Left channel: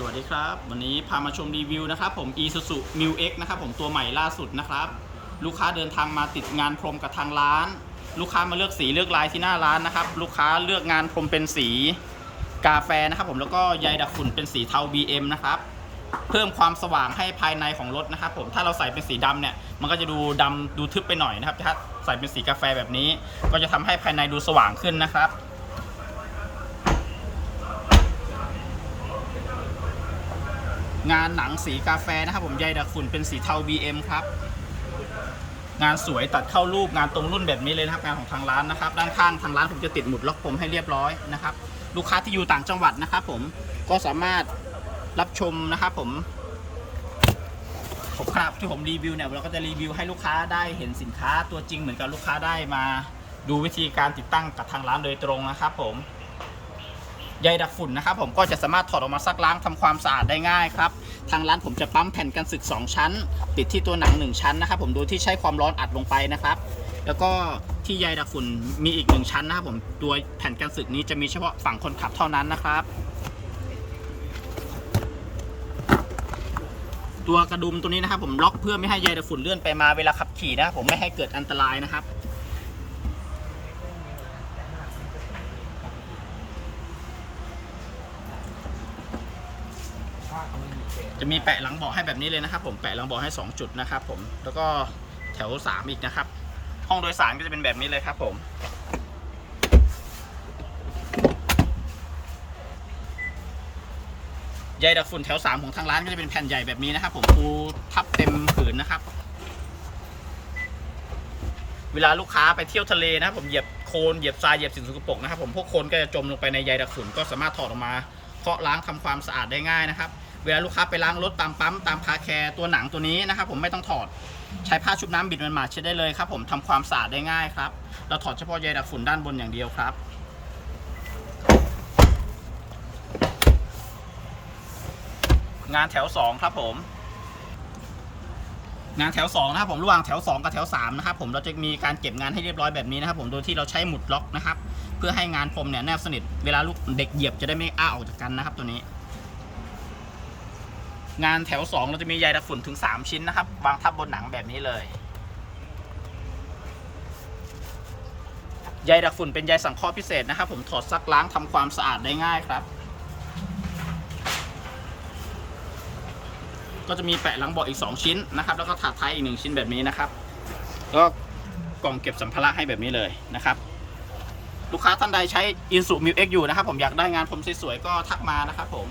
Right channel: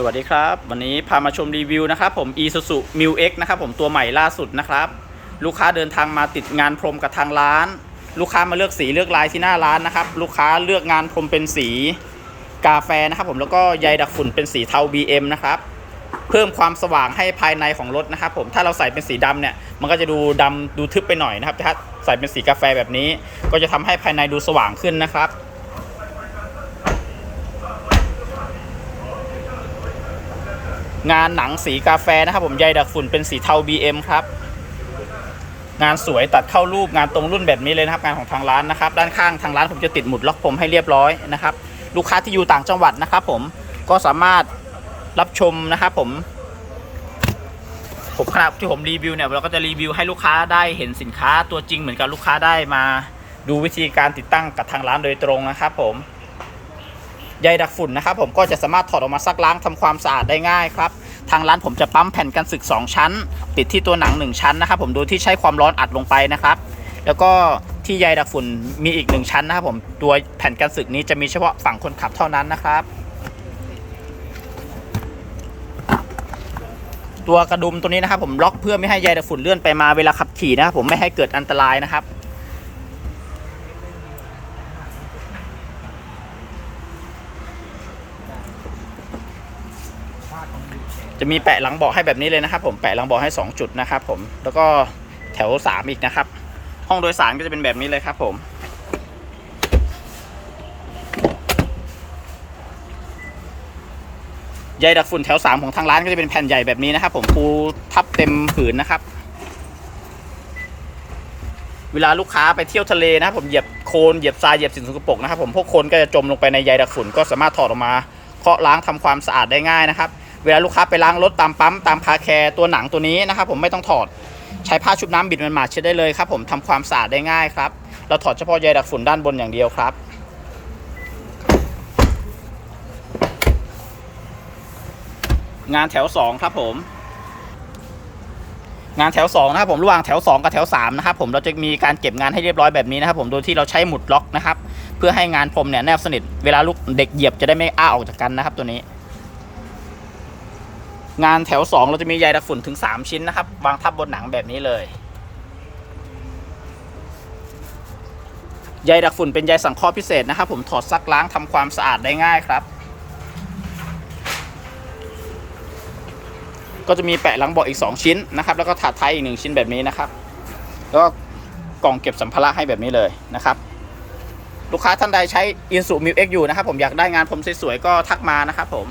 สวัสดีครับ วันนี้พามาชมรีวิวนะครับผม Isuzu m u X นะครับผมตัวใหม่ล่าสุดนะครับ ลูกค้าเดินทางมาติดงานพรมกับทางร้าน ลูกค้ามาเลือกสีเลือกลายที่หน้าร้านนะครับ ลูกค้าเลือกงานพรมเป็นสีกาแฟนะครับผมแล้วก็ใยดักฝุ่นเป็นสีเทา BM นะครับเพิ่มความสว่างให้ภายในของรถนะครับผมถ้าเราใส่เป็นสีดำเนี่ยมันก็จะดูดำดูทึบไปหน่อยนะครับแต่ถ้าใส่เป็นสีกาแฟแบบนี้ ก็จะทำให้ภายในดูสว่างขึ้นนะครับ งานหนังสีกาแฟนะครับผมใยดักฝุ่นเป็นสีเทา BM ครับ งานสวยตัดเข้ารูปงานตรงรุ่นแบบนี้เลยนะครับ งานของทางร้านนะครับ ด้านข้างทางร้านผมจะติดหมุดล็อกผมให้เรียบร้อยนะครับ ลูกค้าที่อยู่ต่างจังหวัดนะครับ ผมก็สามารถรับชมนะครับผม ผมขณะที่ผมรีวิวเนี่ยเราก็จะรีวิวให้ลูกค้าได้เห็นสินค้าตัวจริงเหมือนกับลูกค้าได้มา ดูวิธีการติดตั้งกับทางร้านโดยตรงนะครับผม ใยดักฝุ่นนะครับผมก็จะสามารถถอดออกมาซักล้างทำความสะอาดได้ง่ายครับทางร้านผมจะปั๊มแผ่นกันสึก 2 ชั้น ติดที่ตัวหนัง 1 ชั้นนะครับผมโดยที่ใช้ความร้อนอัดลงไปนะครับ แล้วก็ที่ใยดักฝุ่นมีอีก 1 ชั้นนะครับผมตัวแผ่นกันสึกนี้จะมีเฉพาะฝั่งคนขับเท่านั้นนะครับ ตัวกระดุมตัวนี้นะครับผมล็อกเพื่อไม่ให้ใยดักฝุ่นเลื่อนไปมาเวลาขับขี่นะครับผมไม่ให้เกิดอันตรายนะครับ จะมีแปะหลังเบาะให้แบบนี้เลยนะครับ ผมแปะหลังเบาะให้ 2 จุดนะครับ ผมแล้วก็แถว 3 อีกนะครับ ห้องโดยสารก็จะเป็นแบบนี้เลยครับ ผม ใยดักฝุ่นแถว 3 ของทางร้านก็จะเป็นแผ่นใหญ่แบบนี้นะครับ ผมปูทับเต็มผืนนะครับ เวลาลูกค้าไปเที่ยวทะเลนะครับ ผมเหยียบโคลนเหยียบทรายเหยียบสิ่งสกปรกนะครับ ผมพวกโคลนก็จะจมลงไปในใยดักฝุ่นก็สามารถถอดออกมาเคาะล้างทำความสะอาดได้ง่ายนะครับ เวลาลูกค้าไปล้างรถตามปั๊มตามคาแคร์ตัวหนังตัวนี้นะครับผมไม่ต้องถอดใช้ผ้าชุบน้ำบิดมันมาเช็ดได้เลยครับผมทำความสะอาดได้ง่ายครับ เราถอดเฉพาะใยดักฝุ่นด้านบนอย่างเดียวครับ งานแถว 2 ครับผม งานแถว2นะครับผมระหว่างแถว 2 กับแถว3นะครับผมเราจะมีการเก็บงานให้เรียบร้อยแบบนี้นะครับผมโดยที่เราใช้หมุดล็อกนะครับ เพื่อให้งานพรมเนี่ยแนบสนิทเวลาลูกเด็กเหยียบจะได้ไม่อ้าออกจากกันนะครับตัวนี้ งานแถว 2 เราจะมีใยดักฝุ่นถึง 3 ชิ้นนะครับ วางทับบนหนังแบบนี้เลยใยดักฝุ่นเป็นใยสังเคราะห์พิเศษนะครับ ผมถอดซักล้างทำความสะอาดได้ง่ายครับ ก็จะมีแปะหลังเบาะอีก 2 ชิ้นนะครับ แล้วก็ถาดท้ายอีก 1 ชิ้นแบบนี้นะครับแล้วก็กล่องเก็บสัมภาระให้แบบนี้เลยนะครับ ลูกค้าท่านใดใช้ i n s u m u X อยู่นะครับ ผมอยากได้งานผมสวยๆก็ทักมานะครับผม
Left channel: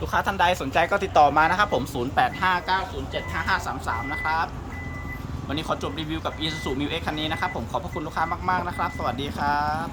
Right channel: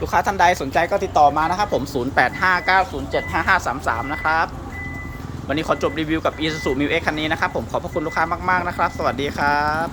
ลูกค้าท่านใดสนใจก็ติดต่อมานะครับผม 0859075533 นะครับ วันนี้ขอจบรีวิวกับ Isuzu m u X คันนี้นะครับผมขอบพระคุณลูกค้ามาก ๆ นะครับ สวัสดีครับ